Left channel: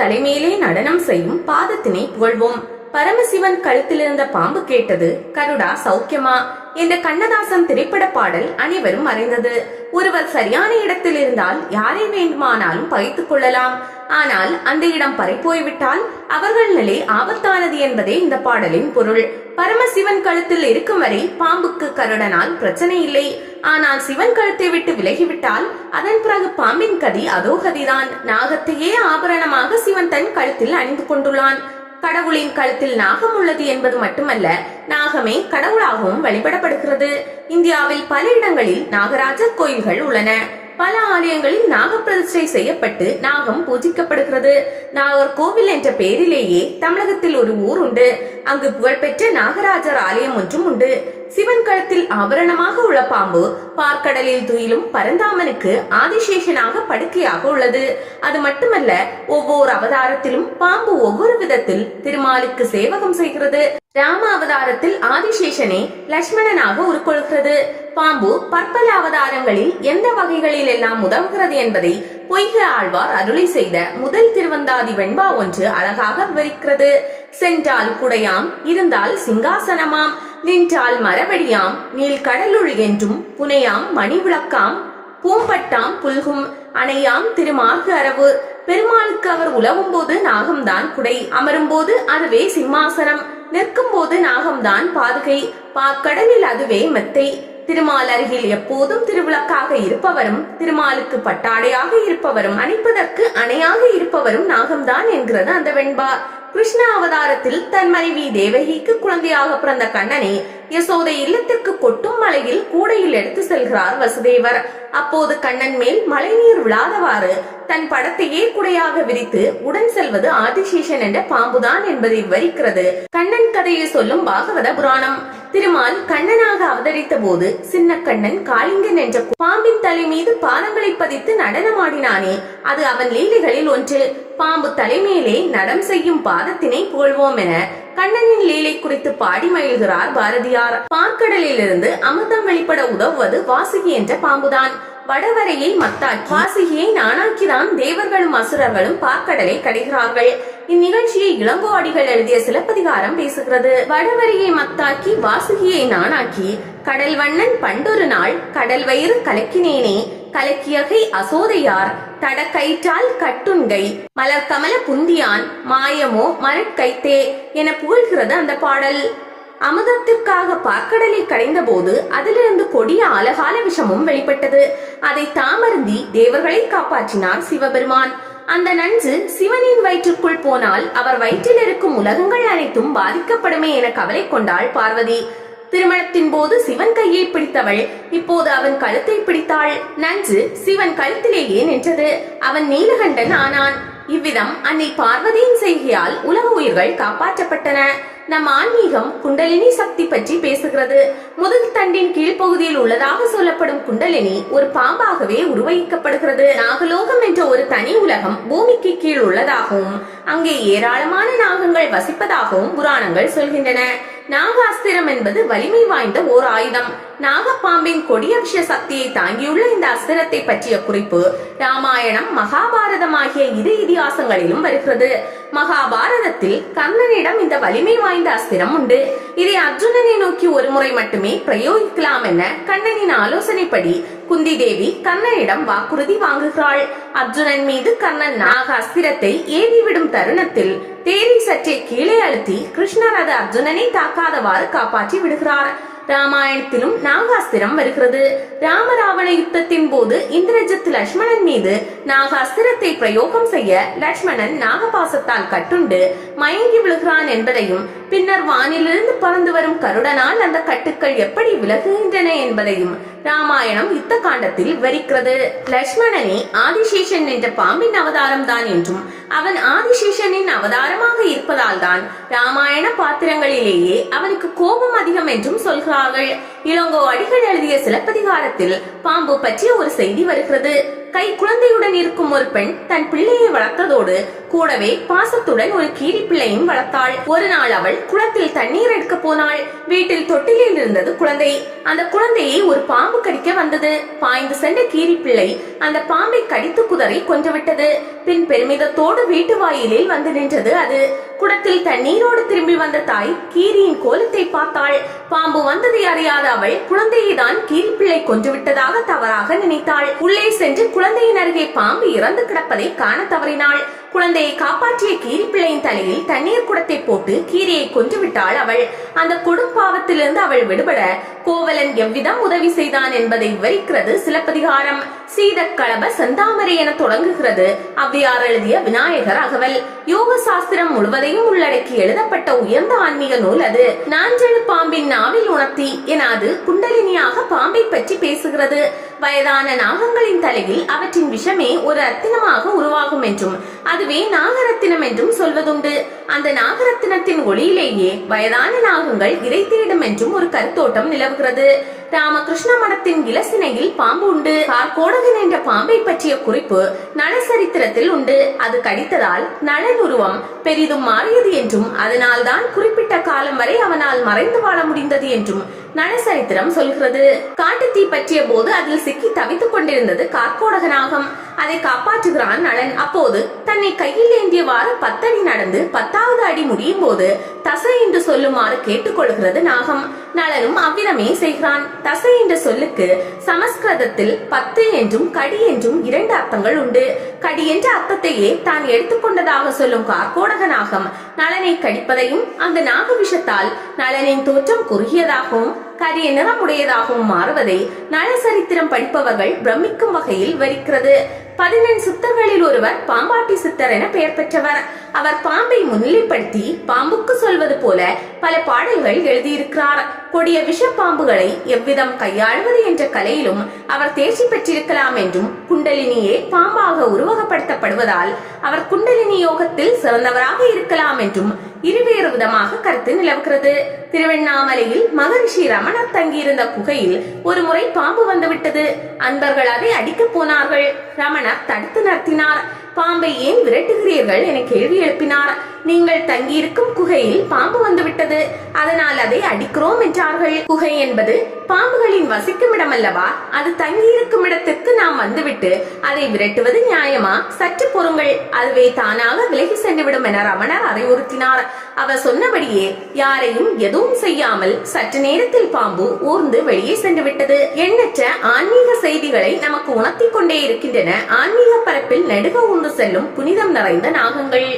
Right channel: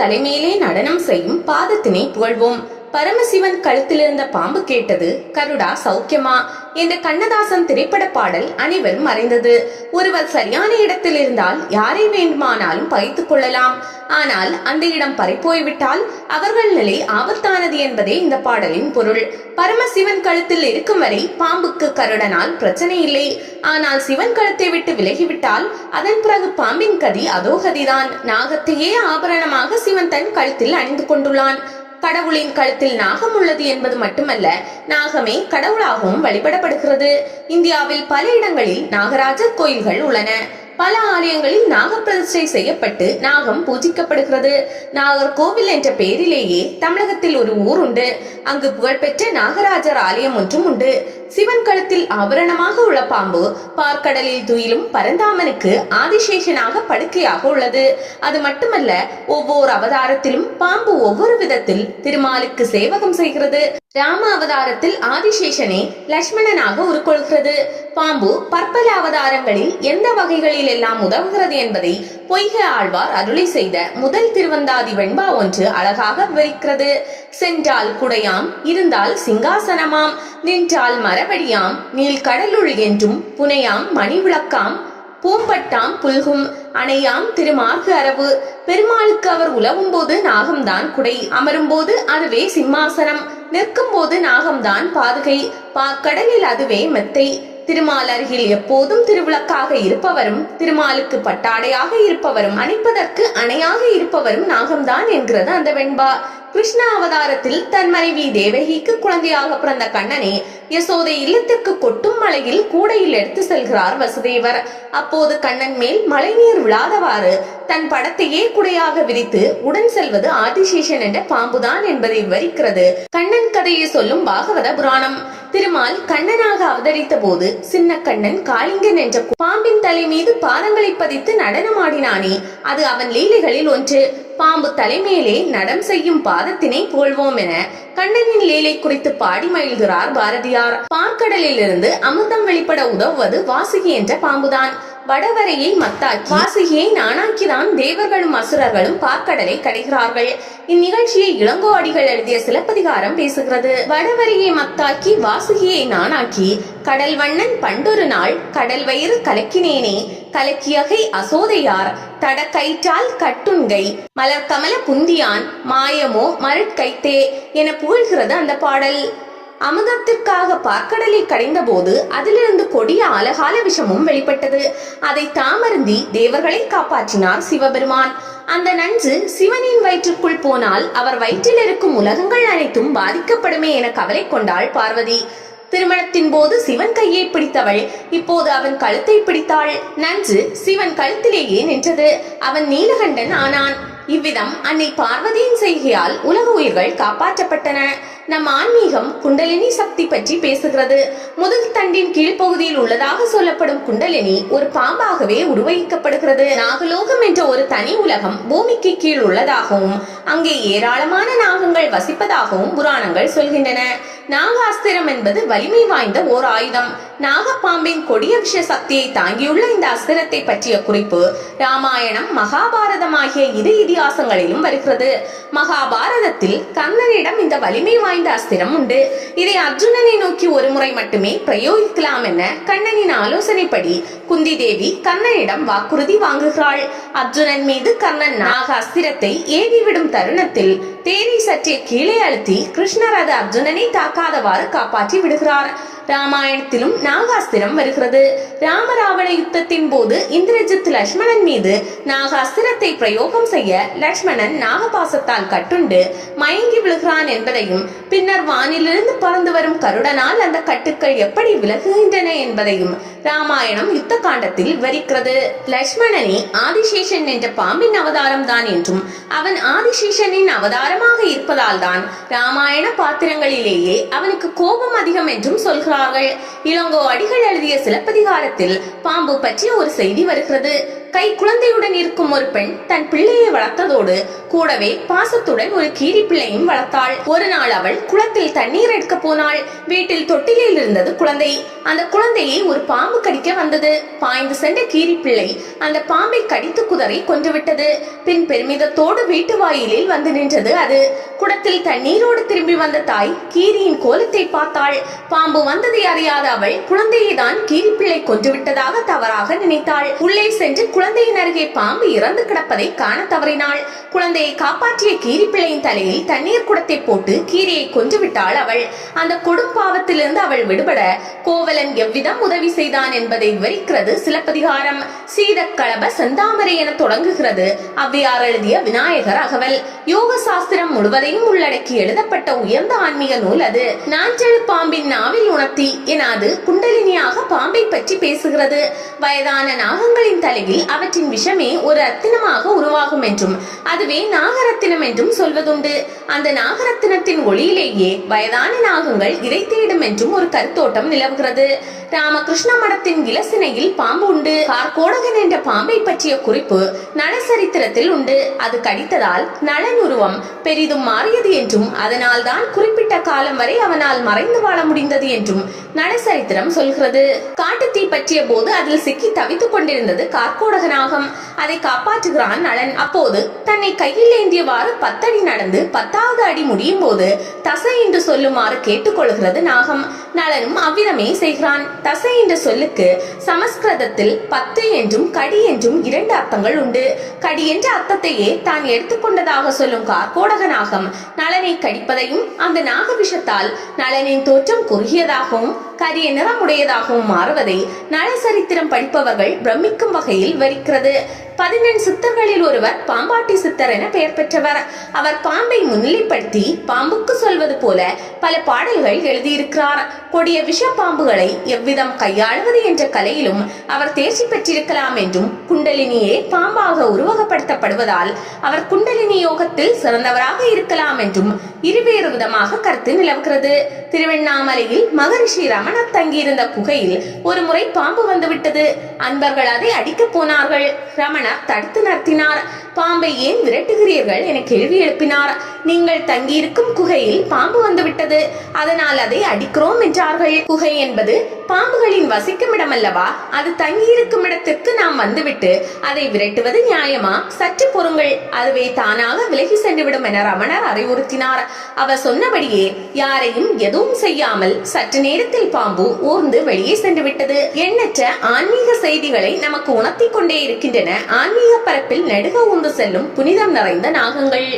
தலைமையிலே நடனம் செய்யும் பாதத்தினை புகழ்வோம். பரமசிவன் கழுத்தில் இருந்த பாம்பு கேட்டது, கருடா சௌக்கியமா என்ற கண்ணதாசன் திரைப்பட பாடல் அனைவரும் அறிந்தது. ஒருவர் சரியான இடத்தில் இருந்தால் யாரை வேண்டுமானாலும் பகைத்துக் கொள்ளலாம். ஆனால் அந்த இடம் பறிப்போய்விட்டால் அவர்கள் நிலை ஆபத்தானது என்பதே இந்த பாடலின் பொருள். பரமசிவன் கழுத்தில் இருக்கும் வரை பாம்புக்கு கருடனால் பிரச்சனை இல்லை. ஆனால் சிவன் கழுத்தை விட்டு விலகிவிட்டால் அதன் பிறகு பாம்பின் கதி அதோ கதிதான். நாகத்தையே ஆபரணமாக சிவன் தன் கழுத்தில் அணிந்து கொண்டுள்ளான். கடவுளின் கழுத்தில் நாகம் உள்ளது என்பது மட்டுமல்ல, நாகமே கடவுளாகவும் வழிபடப்படுகிறது. இந்தியாவில் பல இடங்களில் நாகராஜர் கோயில்கள் உள்ளன. பல ஆலயங்களில் நாகப்பிரதிஷ்டை செய்யப்பட்டு நாகம் பூஜிக்கப்படுகிறது. நாகர்கோவில் என்ற பெயரிலேயே தமிழகத்தில் ஒரு ஊர் உண்டு. அங்கு புகழ்பெற்ற நாகராஜர் ஆலயம் ஒன்றும் உண்டு. சிவன் கழுத்தில் ஆபரணமாக உள்ள பாம்பு பார்க்கடலில் துயிலும் பரந்தாமனுக்கு ஆதிசேஷனாக படுக்கையாக உள்ளது. அது மட்டுமல்ல, ஒவ்வொரு அவதாரத்திலும் பாம்பு ஒவ்வொரு விதத்தில் திருமாலுக்கு சேவகம் செய்கிறது. ராம அவதாரத்தில் ஆதிசேஷனே லட்சுமணனாக உருக்கொள்கிறது. பாம்பு பற்பல அவதாரங்களில் எந்த வகைகளில் எல்லாம் உதவுகிறது என்பதை பொய்கை ஆழ்வார் அருளி செய்த முதல் திருவந்தாதி வெண்பா ஒன்று அழகாக விவரிக்கிறது. சென்றால் குடையாம், இருந்தால் சிங்காசனமாம், நின்றால் மரவடியாம், நீள் கடலுள் என்றும் புனையாம் மணி விளக்காம், பூம்பட்டாம் புல்கும், அணையாம் திருமார்கு அரவு. பெருமாளுக்கு அவர் உலவும் போது நாகம்தான் குடை, அமரும் போது அதுவே சிம்மாசனம், நிற்கும் போது நாகம்தான் பாதுகை, பாக்கடலில் அதுவே மெத்தை. திருமால் அருகில் எப்போதும் திருவிளக்காக இருப்பவரும், திருமாலுக்கு பட்டாடையாக இருப்பவரும், அணைப்பதற்கு அணையாக இருப்பவரும் நாகம்தான் என்கிறது அந்த வெண்பா. கிருஷ்ண அவதாரத்தில் தன் மனைவி தேவகிக்கு குழந்தையாக பிறந்த கண்ணனை யசோதை இல்லத்திற்கு கொட்டும் மலையில் கூடையில் எடுத்து செல்கிறார் வசுதேவர். அப்போது கண்ணன் மேல் மழைநீர் விழாதவாறு தன் படத்தையே குடையாக விரித்து உடன் செல்வது ஆதிசேஷன் என்ற பாம்புதான் என்பதை விவரிக்கிறது கண்ணன் கதையை சொல்லும் பாகவத புராணம். திருமால் கண்ணனாக அவதரித்த போது சின்ன கண்ணன் காளிங்கன் என்ற பாம்பின் தலை மீது பாதங்களை பதித்து நடனமாடினானே, அது அவன் லீலைகளில் ஒன்று. பாம்பு தலைமையிலே நடம் செய்யும் பாதத்தினை புகழ்வோம் என கண்ணனின் லீலை குறித்து பாடி மகிழ்கிறார் பாரதியார். பார்க்கடலில் இருந்து அமிர்தம் வெளிப்பட உதவுவது வாசுகி என்ற பாம்புதான். வடவரையை மத்தாக்கி வாசுகியை நானாக்கிதான் தேவர்களும் அசுரர்களும் பார்க்கடலை கடைகிறார்கள். இந்நிகழ்ச்சியை இளங்கோ அடிகள் எழுதிய சிலப்பதிகாரம் பேசுகிறது. வடவரையை மத்தாக்கி வாசுகியை நானாக்கி கடல் வண்ணன் பண்டொரு நாள் கடல் வயிறு கலக்கினேனே, கலக்கியகை அசோதையார் தட கயிற்றால் கட்டுண்கை மலர் கமல புந்தியான் மாயமோ மருட்கைத்தே என புகழ்கிறது அந்த பாடல். அமுதத்திற்காக பார்க்கடலில் கடைந்த போது அதிலிருந்து கொடிய அலகால விஷமும் வெளிப்பட்டது. அதை தாமருந்தி தேவர்களை காப்பாற்றினார் சிவபெருமான். அந்த நஞ்சு சிவனின் வயிற்றுக்குள் போனால் அவர் வயிற்றில் இருக்கும் உலகங்கள் அனைத்தும் பாதிக்கப்படுமே என கவலை கொண்டாள் பார்வதி. திருமணத்தின் போது சிவன் கையை பிடித்தவள் இப்போது அவன் கழுத்தை பிடித்தாள். நஞ்சு சிவன் கழுத்திலேயே நின்றது. அவன் நீலகண்டன் ஆனான். இவ்விதம் அன்னை பார்வதியின் செய்கையால் உலக உயிர்கள் காப்பாற்றப்பட்டன. நம் ஆன்மீகம் குண்டலினி சக்தி பற்றி பேசுகிறது. முதுகு தண்டின் கீழ்ப்பகுதியில் உள்ளதாக சொல்லப்படும் குண்டலினி ஒரு பாம்பாகவே உருவகிக்கப்படுகிறது. நாகலோகம் என்ற ஒரு தனி உலகம் பூமிக்கு கீழ் உள்ளதாகவும் அங்கே ஏராளமான நாகங்கள் வசிப்பதாகவும் புராணங்கள் சொல்கின்றன. நாகாஸ்திரம் என்பது வலிமை வாய்ந்த ஓர் ஆயுதம். நாகப்பாம்பின் கொடிய விஷ சக்தியை தாங்கியுள்ள இந்த அஸ்திரத்தை பற்றிய குறிப்பு ராமாயணம், மகாபாரதம் ஆகிய இரு இதிகாசங்களிலும் வருகிறது. மகாபாரதத்தில் கர்ணனிடம் இந்த வலிமை வாய்ந்த அஸ்திரம் உண்டு. இதை அர்ஜுனனை நோக்கி ஒரு முறை மட்டுமே பிரயோகிக்கலாம் என கண்ணனின் ஆலோசனைப்படி குந்தி தேவி கர்ணனிடம் வாக்குறுதி வாங்குகிறாள். அர்ஜுனன் மீது கர்ணன் நாக அஸ்திரத்தை ஏவிவிடும் தருணத்தில் தேரை சற்றே கீழே அழுத்தி கிருஷ்ணர் அது அர்ஜுனனை தாக்காதவாறு காப்பாற்றி விடுகிறார். ராமாயணத்திலும் நாகாஸ்திரம் வருகிறது. ராமராவண யுத்தத்தின் போது இந்திரஜித் லட்சுமணன் மீது நாகாஸ்திரத்தை பிரயோகம் செய்ய லட்சுமணன் நாகபாசத்தால் கட்டுண்டு மயங்கி விழுகிறான் என்பதையும், பின்னர் வானிலிருந்து பறந்து வரும் கருடனால் அந்த கட்டுக்கள் எப்படி விலகுகின்றன என்பதையும் ராமாயணம் யுத்த காண்டத்தில் விவரிக்கிறது. லட்சுமணனே ஆதிசேஷன் என்ற பாம்பின் அவதாரம் தான் என்றும் அவன் ஆதிசேஷனின் அவதாரமாக இருப்பதால் தான் ராமாயண பாத்திரங்களிலேயே அவனுக்கு கோபம் அதிகம் என்றும் சொல்கிறார்கள். இளங்கோ அடிகள் எழுதிய சிலப்பதிகாரத்தில் பாம்பு பற்றிய ஒரு செய்தி வருகிறது. கை குழந்தையுடன் இருக்கும் ஒரு பெண் தன் பிள்ளையை வளர்த்ததோடு கூடவே பாசத்துடன் ஒரு கீரி பிள்ளையும் வளர்த்தாள். ஒரு நாள் அவள் குளத்தில் தண்ணீர் எடுக்க போனாள். வீட்டில் தொட்டிலில் இருந்தது குழந்தை. அந்த குழந்தையை ஒரு பாம்பு கடிக்க வந்தது. பாய்ந்து சென்ற கீரி பிள்ளை அந்த பாம்பை கடித்து குதறி கொன்றுவிட்டது. பின் பெருமிதத்தோடு வீட்டு வாயிலில் வந்து நின்றது அது. குடத்தில் தண்ணீரோடு திரும்பி வந்த தாய் கீரியின் கோலத்தை பார்த்தாள். பாம்பு வந்ததை அறியாத அவள் குழந்தையை தான் கீரி பிள்ளை கொன்றுவிட்டதாக தவறாக நினைத்தாள். உள்ளே சென்று குழந்தையின் அருகே பாம்பு இறந்து கிடப்பதை காண தவறினாள். குழந்தையை காப்பாற்றிய கீரி பிள்ளையின் தலையில் தண்ணீர் குடத்தை போட்டு கீரியை கொன்றுவிட்டாள் அவள். அந்த கொடும்பாவத்திலிருந்து அவள் விடுபட கோவலன் எவ்விதம் உதவி செய்தான் என்பதை விவரிக்கிறது சிலப்பதிகாரம். சீதக்களப செந்தாமரை என தொடங்குகிறது ஔவையார் எழுதிய விநாயகர் அகவல். யோக சாஸ்திரம் முழுவதையும் உள்ளடக்கி எழுதப்பட்ட உயர்ந்த ஆன்மீக நூல் அது. நாஞ்செழு பாம்பின் நாவில் உணர்த்தி என அது குண்டலினியாக பாம்பை பற்றி பேசுகிறது. வயதான நாகங்களின் தலையில் அவற்றின் விஷமே ஒரு ரத்தினமாக உருவாகும் என்றும் அதுவே நாகரத்தினம் என்றும் சொல்வதுண்டு. அந்த நாகரத்தினத்தின் ஒளியிலேயே வயதான நாகங்கள் இறை தேடும் என்றும் ஒரு கருத்தோட்டம் நிலவுகிறது. ராமகிருஷ்ண மடத்தின் இலசினையில் பாம்பு உண்டு. கார்கோடகன் என்ற பாம்பை பற்றிய குறிப்பு நளசரித்திரத்தில் உண்டு. அது கடித்ததால் நளன் உருவம் பெரிதும் மாறியது என்றும் அதனால் தான் குறிப்பிட்ட காலம் வரை அவனால் மறைந்து வாழ முடிந்தது என்றும் நளசரித்திரம் சொல்கிறது. காட்டுத்தீ பற்றிய போது அதில் சிக்கி தவித்துக் கொண்டிருந்தது கார்கோடகனாகம். அதை காப்பாற்றுகிறான் நளன். அப்போது தன்னை கையில் ஏந்தியவாறு 10 அடி நடந்து 10வது அடி முடியும் போது தசை என்று சொல்லுமாறு கேட்டுக்கொள்கிறது நாகம். நளனும் அவ்விதமே செய்கிறான். தசை என்ற சொல்லுக்கு சமஸ்கிருதத்தில் 10 என்றும் கடி என்றும் 2 அர்த்தங்கள் உண்டு. கடி என்ற அர்த்தத்தையே தான் எடுத்துக்கொண்டதாக சொல்லும் கார்கோடக நாகம் நளனை கடிப்பதையும் அந்த நாக விஷத்தால் நளனின் தோற்றம் குறுகியதாகவும் கரிய நிறமுடையதாகவும் மாறுவதை நளசரித்திரம் படிப்பவர்கள் பிரமிக்கும் வகையில் விவரிக்கிறது. 14 சித்தர்களில் ஒருவர் பாம்பாட்டி சித்தர் என பெயர் பெற்றவர். அவர் பாம்பை முன்னிலைப்படுத்தி பாம்புக்கு சொல்வது போல பல பாடல்கள் எழுதியிருக்கிறார். கொடிய விஷ பாம்புகளை எவ்விதம் கையாளுவது என்ற கலையிலும் அவர் தேர்ச்சி பெற்றிருக்கலாம் என்றும் குண்டலினியே பாம்பாக உருவகப்படுத்தப்படுவதால் அவர் குண்டலினி யோகத்தில் சிறந்தவராக இருக்கலாம் என்றும் இருவேறு விதமாக கருத்து நிலவுகிறது. திருவண்ணாமலையில் மகரிஷி ரமணர் தங்கியிருந்த குகையில் ஒரு முறை பாம்பு வந்துவிட்டது. அன்பர்கள் அதை அடிக்க போனார்கள். ரமணர் தடுத்து நிறுத்தினார். பாம்பை ஏன் விரட்டுகிறீர்கள் என கேள்வி எழுப்பினார். நீங்கள் தங்கியிருக்கும் குகையில் பாம்பு வந்துவிட்டது, அதனால் அதை அடிக்கிறோம் என்றார்கள். குகை என்பது பாம்புகளின் வசிக்கும் இடம் அல்லவா? அது தங்கியிருக்கும் இடத்திற்கு நாம் வந்துவிட்டு அதை விரட்டுவது நியாயமா? சற்று பொறுங்கள், அதுவே தானாக விலகி சென்றுவிடும் என ரமணர் அறிவுறுத்தினார். அவர் சொன்னபடியே யாரையும் எதுவும் செய்யாமல் சற்று நேரத்தில் பாம்பு ஊர்ந்து வெளியே சென்று விட்டது. எண்ணற்ற ஆன்மீக செய்திகளை நமக்கு உணர்த்தி கொண்டே இருக்கின்றன ஆன்மீக பரப்பில் நெடுக ஊர்ந்து செல்லும் புனிதம் நிறைந்த நாகங்கள்.